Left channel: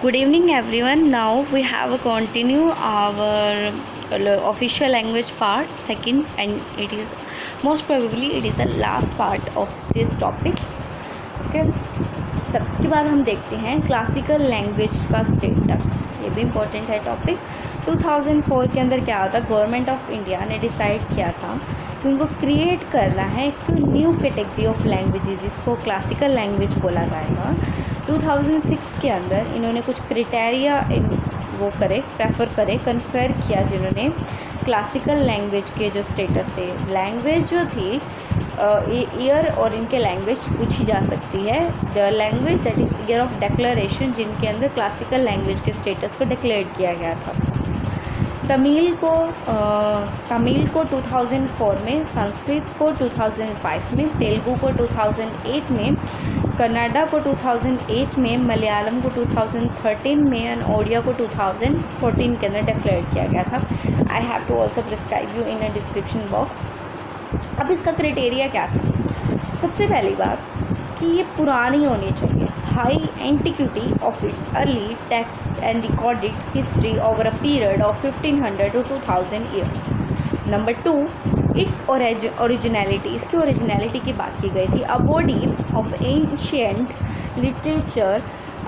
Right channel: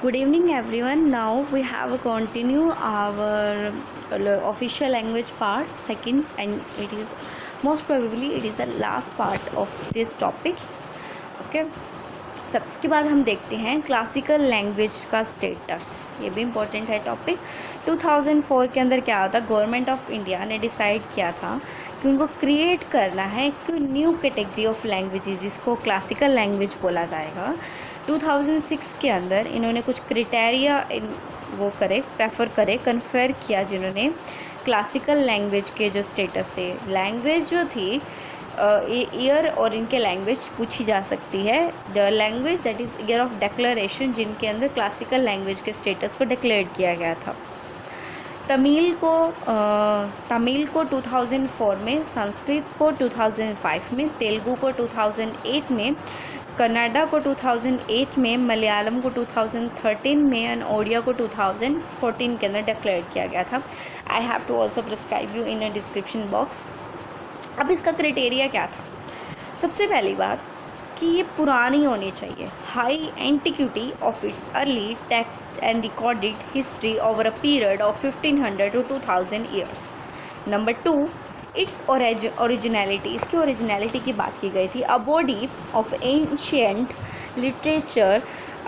Good evening everyone. Now we have a continue our official language part second, and it is most probably it is the last part of this topic. Okay. सबके बाद हम देखते हैं classical language का status. ये भी important है topic. 2004 के अंदर क्या होता, गवर्नमेंट ऑफ इंडिया ने डिसाइड किया था कि उनको क्रिएट करना है एक न्यू कैटेगरी ऑफ लैंग्वेजेस जिसको क्लासिकल लैंग्वेज बोला जाएगा. 2006 के अंदर इन्होंने कुछ क्राइटेरिया वो करे प्रेफर करे कन्फर किया जिन्होंने क्लासिकल लैंग्वेज के जो स्टेटस है. लैंग्वेज जो थी ईयर और इनके लैंग्वेज पूछी जा सकती है. The language that is year of declaration जिनके अंदर क्लासिकल लैंग्वेज के स्टेटस को डिक्लेयर किया गया था. तमिल को 2004 में, संस्कृत को 2005 में, तेलुगु को 2008 में, कन्नड़ा को 2008 में, मलयालम को 2013 में और ओडिया को 2014 के अंदर डिक्लेयर किया गया था. I have to also prescribe you in a description box. अब इसका क्राइटेरिया क्या था? सबसे पहली बात कि ये पुरानी होनी चाहिए. High antiquity of its early text and recorded history over a period of 1500 to 2000 years. Number 2, it's originality. इसकी ओरिजिनलिटी की बात की गई थी. A body of ancient literature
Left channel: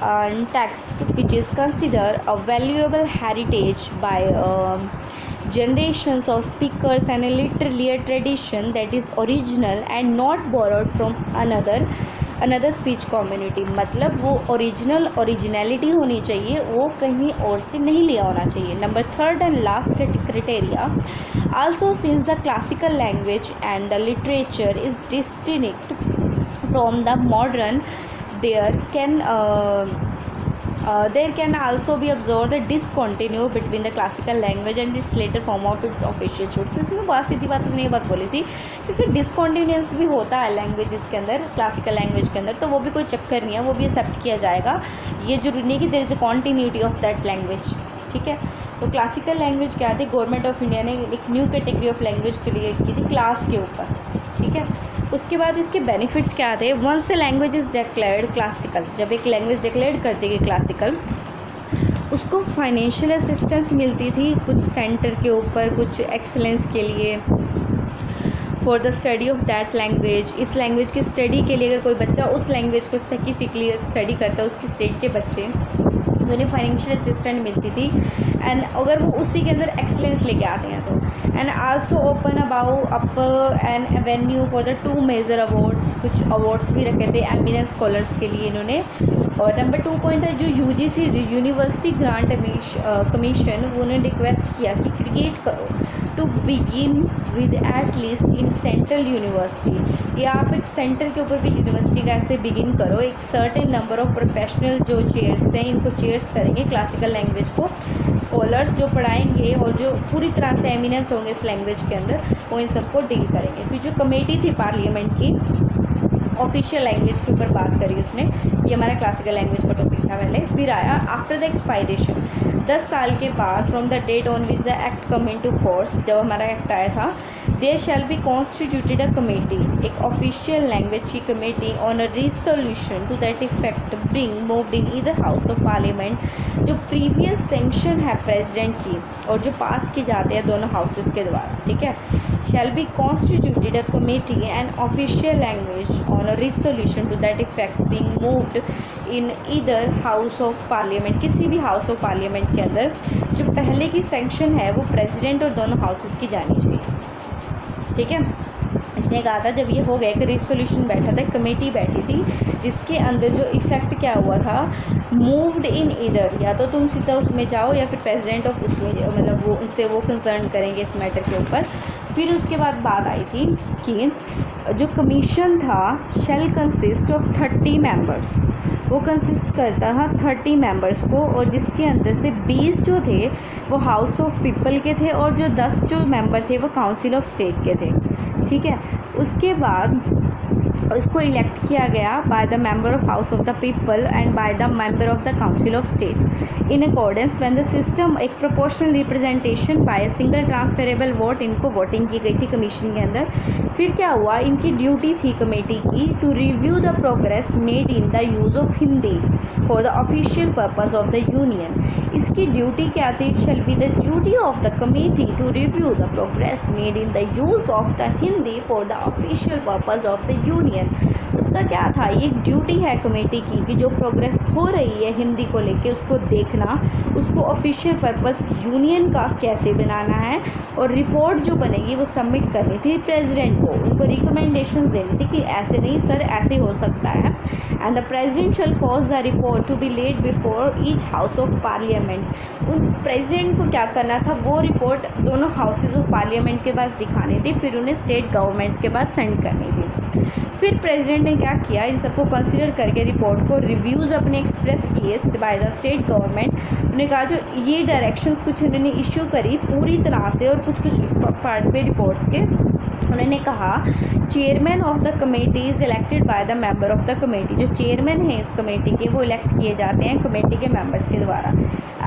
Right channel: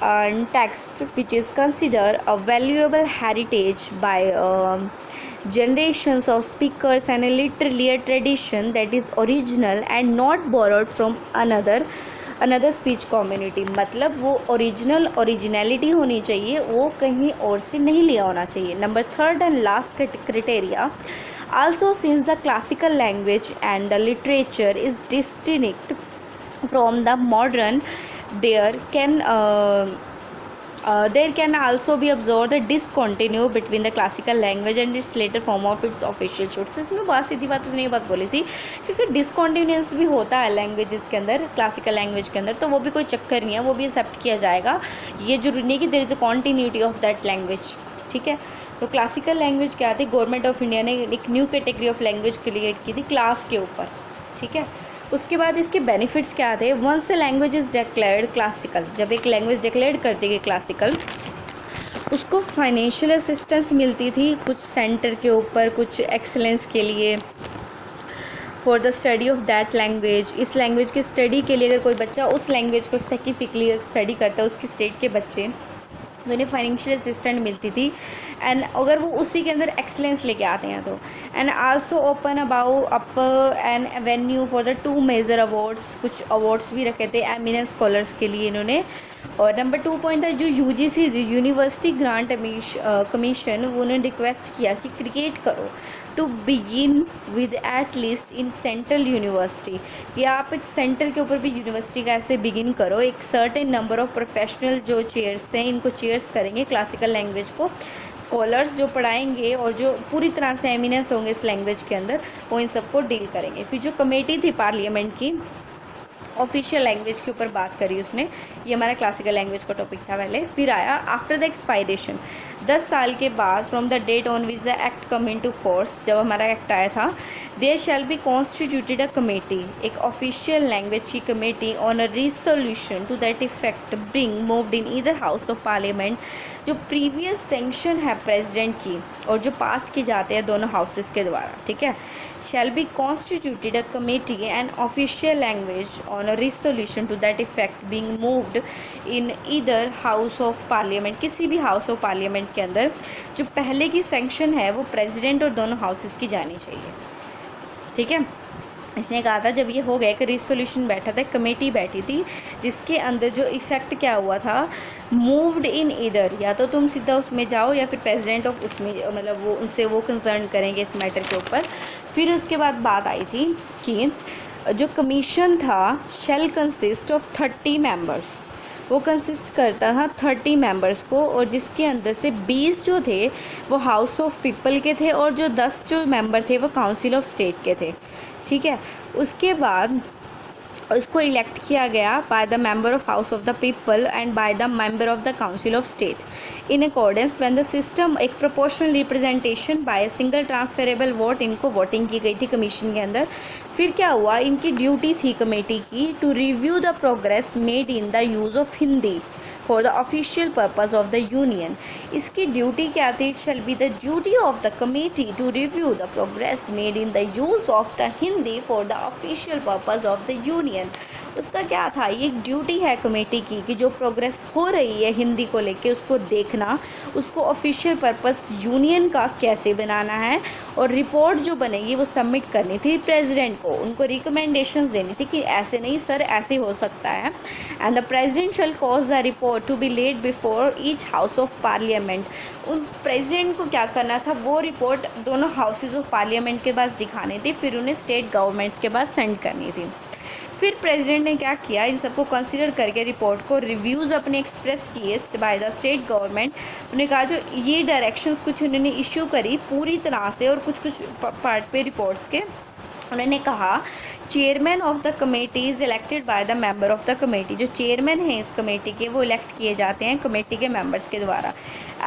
and text which is considered a valuable heritage by generations of speakers and a literary tradition that is original and not borrowed from another speech community. मतलब वो originality होनी चाहिए, वो कहीं और से नहीं लिया होना चाहिए. Number 3rd and last criteria, also since the classical language and the literature is distinct from the modern, there can also be observed the discontinue between the classical language and its later form of its official shoots. इसमें बहुत सीधी बात हमने ये बात बोली थी क्योंकि डिसकॉन्टिन्यूएंस भी होता है लैंग्वेजेस के अंदर, क्लासिकल लैंग्वेज के अंदर, तो वो भी कोई चक्कर नहीं है, वो भी एक्सेप्ट किया जाएगा. ये जरूरी नहीं कि there is a continuity of that language. ठीक है. तो क्लासिकल लैंग्वेज क्या थी? गवर्नमेंट ऑफ इंडिया ने एक new category of language create की थी क्लास के ऊपर. ठीक है. उसके बाद इसके बेनिफिट्स क्या थे? Once a language is declared classical, जब एक लैंग्वेज डिक्लेयर करती गई क्लासिकल, उसको फाइनेंशियल असिस्टेंस मिलती थी कुछ सेंटर के ऊपर, कुछ एक्सेलेंस के लिए, for the study of that language. इस लैंग्वेज की स्टडी के लिए अगर कोई बच्चा उस लैंग्वेज को स्पेसिफिकली स्टडी करता है, उसकी स्टेट के बच्चे, उन्हें फाइनेंशियल असिस्टेंट मिलती थी. एंड अगर वो उसी के अंदर एक्सलेंस लेके आते हैं तो. And also open up an avenue for the 2 major awards. कुछ अवार्ड्स भी रखे थे एमिनेंस स्कॉलर्स के लिए इन्होंने. और नंबर 2 पॉइंट है जो यूजीसी यूनिवर्सिटी ग्रांट कमीशन, वो उन्होंने रिक्वेस्ट किया कि क्रिएट करो to begin with at least in central university, कि आप एक सेंटर के ऊपर भी यूनिवर्सिटी का ऐसे बिगिन करो. एक सर्टेन नंबर ऑफ प्रोफेशनल जो चेयर्स हैं, इनको चेयर्स करेंगे क्लासिकल लैंग्वेज को, स्कॉलर्स जो पढ़ाएंगे और जो पूरी तरह से एमिनेंस होंगे इस लैंग्वेज के अंदर, वो इन सबको डील करेंगे. फिर जो कमेटी थी पार्लियामेंट की ऑफिशियल लैंग्वेज के ऊपर बात करी उसने, ये हमारा क्लासिकल लैंग्वेज का टॉपिक था पहले. फिर आया आफ्टर द एक्सपायरेशन, 10 साल के बाद, from the date on which the act come into force, जब हमारा एक्ट आया था, there shall be constituted a committee, एक ऑफिशियल लैंग्वेज की committee, on a resolution to that effect being moved in either house of parliament. जो previous sanction है president की और जो पास की जाते हैं दोनों हाउसेस के द्वारा. ठीक है. शैल be constituted a committee and official language on a resolution to that effect being moved in either house of parliament. किसी भी हाउस ऑफ पार्लियामेंट के अंदर जो पहले की सेंक्शन है वो प्रेसिडेंट और दोनों हाउसेस की जानी चाहिए. ठीक है. इसने कहा था जब ये हो गया कि रिसोल्यूशन बैठा था, कमेटी बैठी थी, जिसके अंदर जो इफ़ेक्ट क्या हुआ था, मूव्ड इन ईदर, या तो तुम सीधा उसमें जाओ या फिर प्रेसिडेंट ऑफ उसमें, मतलब वो उनसे वो कंसर्न करेंगे इस मैटर के ऊपर. फिर उसके बाद बात आई थी कि जो कमीशन था शेल कंसिस्ट ऑफ 30 मेंबर्स, वो कंसिस्ट करता था 30 मेंबर्स को, और जिसके अंदर से 20 जो थे वो हाउस ऑफ पीपल के थे और जो 10 जो मेंबर थे वो काउंसिल ऑफ स्टेट के थे. ठीक है. उसके बाद इसको इलेक्ट किया गया by the member of house of the people and by the member of the council of state in accordance when the system एक proportional representation by a single transferable vote, इनको वोटिंग की गई थी commission के अंदर। फिर क्या हुआ, इनकी ड्यूटी थी कमेटी की to review the progress made in the use of Hindi for the official purpose of the union. इसकी ड्यूटी क्या थी, it shall be the duty of the committee to review the progress made in the use of the Hindi for the official purpose of the union. उसका क्या था, ये duty है committee की कि जो प्रोग्रेस हो रही है हिंदी को लेके उसको देखना, उसको ऑफिशियल पर्पस यूनियन का कैसे बनाना है, और रिपोर्ट जो बनेगी वो सबमिट करनी थी प्रेसिडेंट को, उनको रिकमेंडेशंस देनी थी कि ऐसे नहीं सर ऐसे हो सकता है। And the president shall cause the report to be laid before each house of parliament. उन प्रेसिडेंट को क्या करना था, वो रिपोर्ट दोनों हाउसेज ऑफ पार्लियामेंट के पास दिखानी थी, फिर उन्हें स्टेट गवर्नमेंट्स के पास सेंड करनी थी। फिर प्रेसिडेंट ने क्या किया, इन सबको कंसिडर करके रिपोर्ट को रिव्यूज़ अपने एक्सप्रेस किए बाय द स्टेट गवर्नमेंट। उन्होंने कहा जो ये डायरेक्शंस कुछ उन्होंने इशू करी पूरी तरह से, और कुछ पार्ट पे रिपोर्ट्स के उन्होंने कहा chairman of the committee is elected by the member of the committee. जो चेयरमैन हैं इस कमेटी के वो इलेक्ट किए जाते हैं कमेटी के मेंबर्स के द्वारा।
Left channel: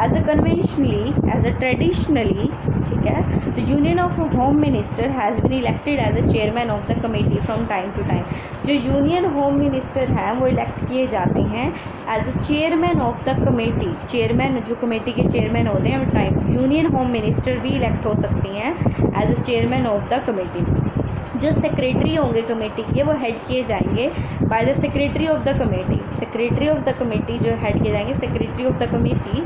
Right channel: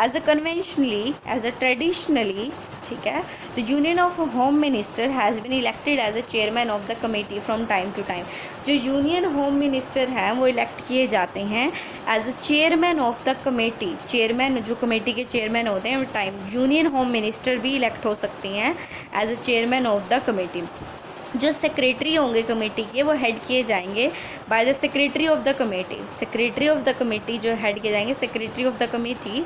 As a conventionally, as a traditionally, ठीक है, the union of home minister has been elected as a chairman of the committee from time to time. जो यूनियन होम मिनिस्टर हैं वो इलेक्ट किए जाते हैं as a chairman of the committee. Chairman जो committee के चेयरमैन होते हैं टाइम, यूनियन होम मिनिस्टर भी इलेक्ट हो सकती हैं as a chairman of the committee. जो सेक्रेटरी होंगे कमेटी के वो हेड किए जाएंगे by the secretary of the committee. Secretary of the committee जो हेड किए जाएंगे सेक्रेटरी ऑफ द कमेटी,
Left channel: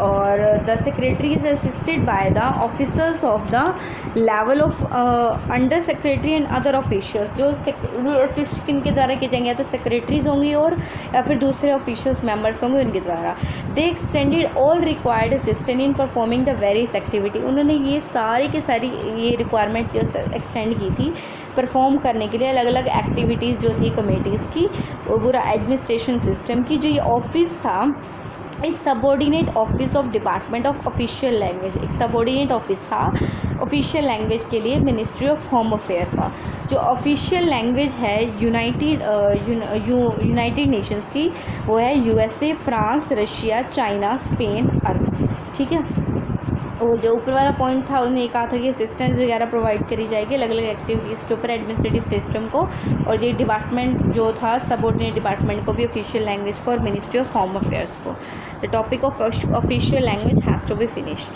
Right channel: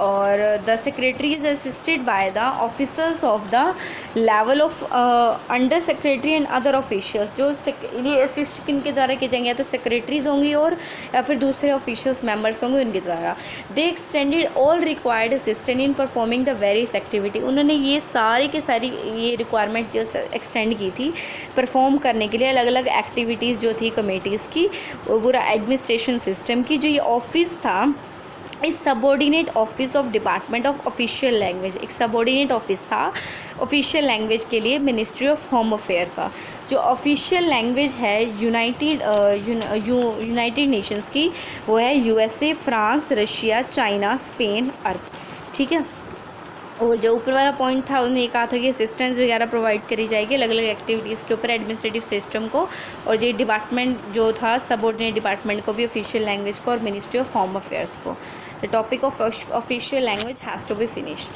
और the secretary is assisted by the officers of the level of under secretary and other officials. जो ये assist किन के द्वारा किए जाएंगे, तो सेक्रेटरीज होंगी और या फिर दूसरे ऑफिशियल्स मेंबर्स होंगे उनके द्वारा। They extended all required assistant in performing the various activity. उन्होंने ये सारी के सारी ये रिक्वायरमेंट जो एक्सटेंड की थी परफॉर्म करने के लिए, अलग अलग एक्टिविटीज़ जो थी कमेटीज़ की, वो पूरा एडमिनिस्ट्रेशन सिस्टम की। जो ये ऑफिस था इस subordinate office of department of official language, एक सबॉर्डिनेट ऑफिस था ऑफिशियल लैंग्वेज के लिए मिनिस्ट्री ऑफ होम अफेयर का। जो ऑफिशियल लैंग्वेज है यूनाइटेड नेशंस की वो है USA, France, Russia, China, Spain, Arab, ठीक है। और जो ऊपर वाला पॉइंट था उन्होंने कहा था कि असिस्टेंस वगैरह प्रोवाइड करी जाएगी अलग अलग एक्टिविटीज़ के ऊपर एडमिनिस्ट्रेटिव सिस्टम को, और ये डिपार्टमेंट जो था सबऑर्डिनेट डिपार्टमेंट को भी ऑफिशियल लैंग्वेज को और मिनिस्ट्री ऑफ होम अफेयर्स को। The topic of official language has to be finished.